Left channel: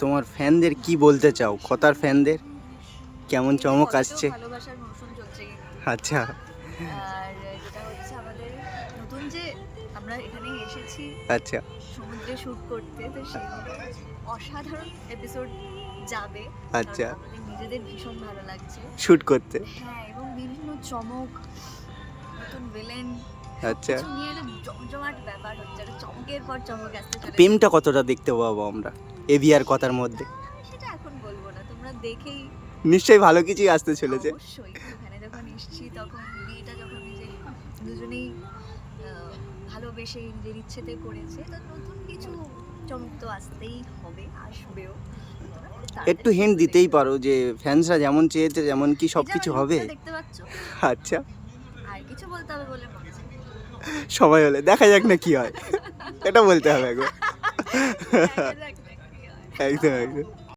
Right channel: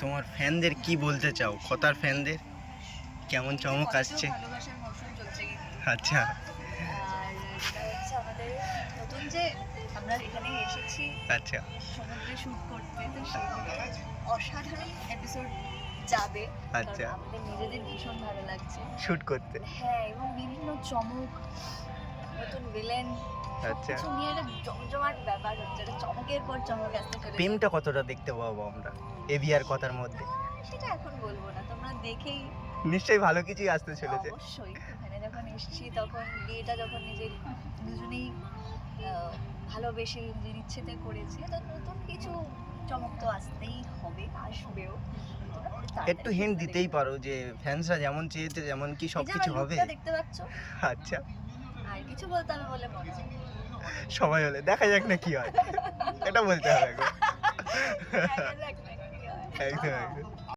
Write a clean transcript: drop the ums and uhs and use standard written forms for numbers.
তোমার ফ্যানদের কি বলতে চাও? কথার ফ্যানদের কেমন চমক আসছে? ভালোবাসার মৌসুম চলছে কিন্তু। আচ্ছা আর যেটা হচ্ছে আমাদের নতুন যে আমরা এখানে এসেছি আচ্ছা সমুদ্রে শুট করতে, তো সেই অসাধারণ এপিসোড যাবে। আচ্ছা। কারণ আমাদের নিজেদের ভীষণ ভালো লাগছে। শুট করতে। হ্যাঁ, এবং বিভিন্ন চমক, নতুন ভিলেন, আচ্ছা, কিছু নিয়ে একটা জমজমাট ব্যাপার হচ্ছে, একটা চমকের পর চমক আসতে চলেছে। প্রেমটা কতটা দেখতে পাবো আমরা এভিআর কথার মধ্যে? সেটা এখন বলবো না, তোমরা দেখেই। নিশ্চয়ই ভালো কিছুই আসতে চলেছে। অবশ্যই এখানে যখন এসেছি তখন বিয়েটা যখন নিজের দুজনেই ভালোবেসে নিজের ইচ্ছেতে করেছে, তো নতুন কিছু চমক তো আসতেই হবে, আসবেও। তোমরা খুব তাড়াতাড়ি একটু হিন্ট সেগুলো দিতেই দেখতে পারো যে ফ্যান্সরা যেমন চেয়েছে যেমন কি পাবে। সব এই যে কিছু আমার হবে। লুকটা দেখতে পাচ্ছ, আচ্ছা, আর কিছু বলতে হবে বলে মনে হয়? সবাই হলে দেখা যাক না কি হয়, এটা বলতে হবে একবার। দেখা যাক না কি হয়। একদম একদম।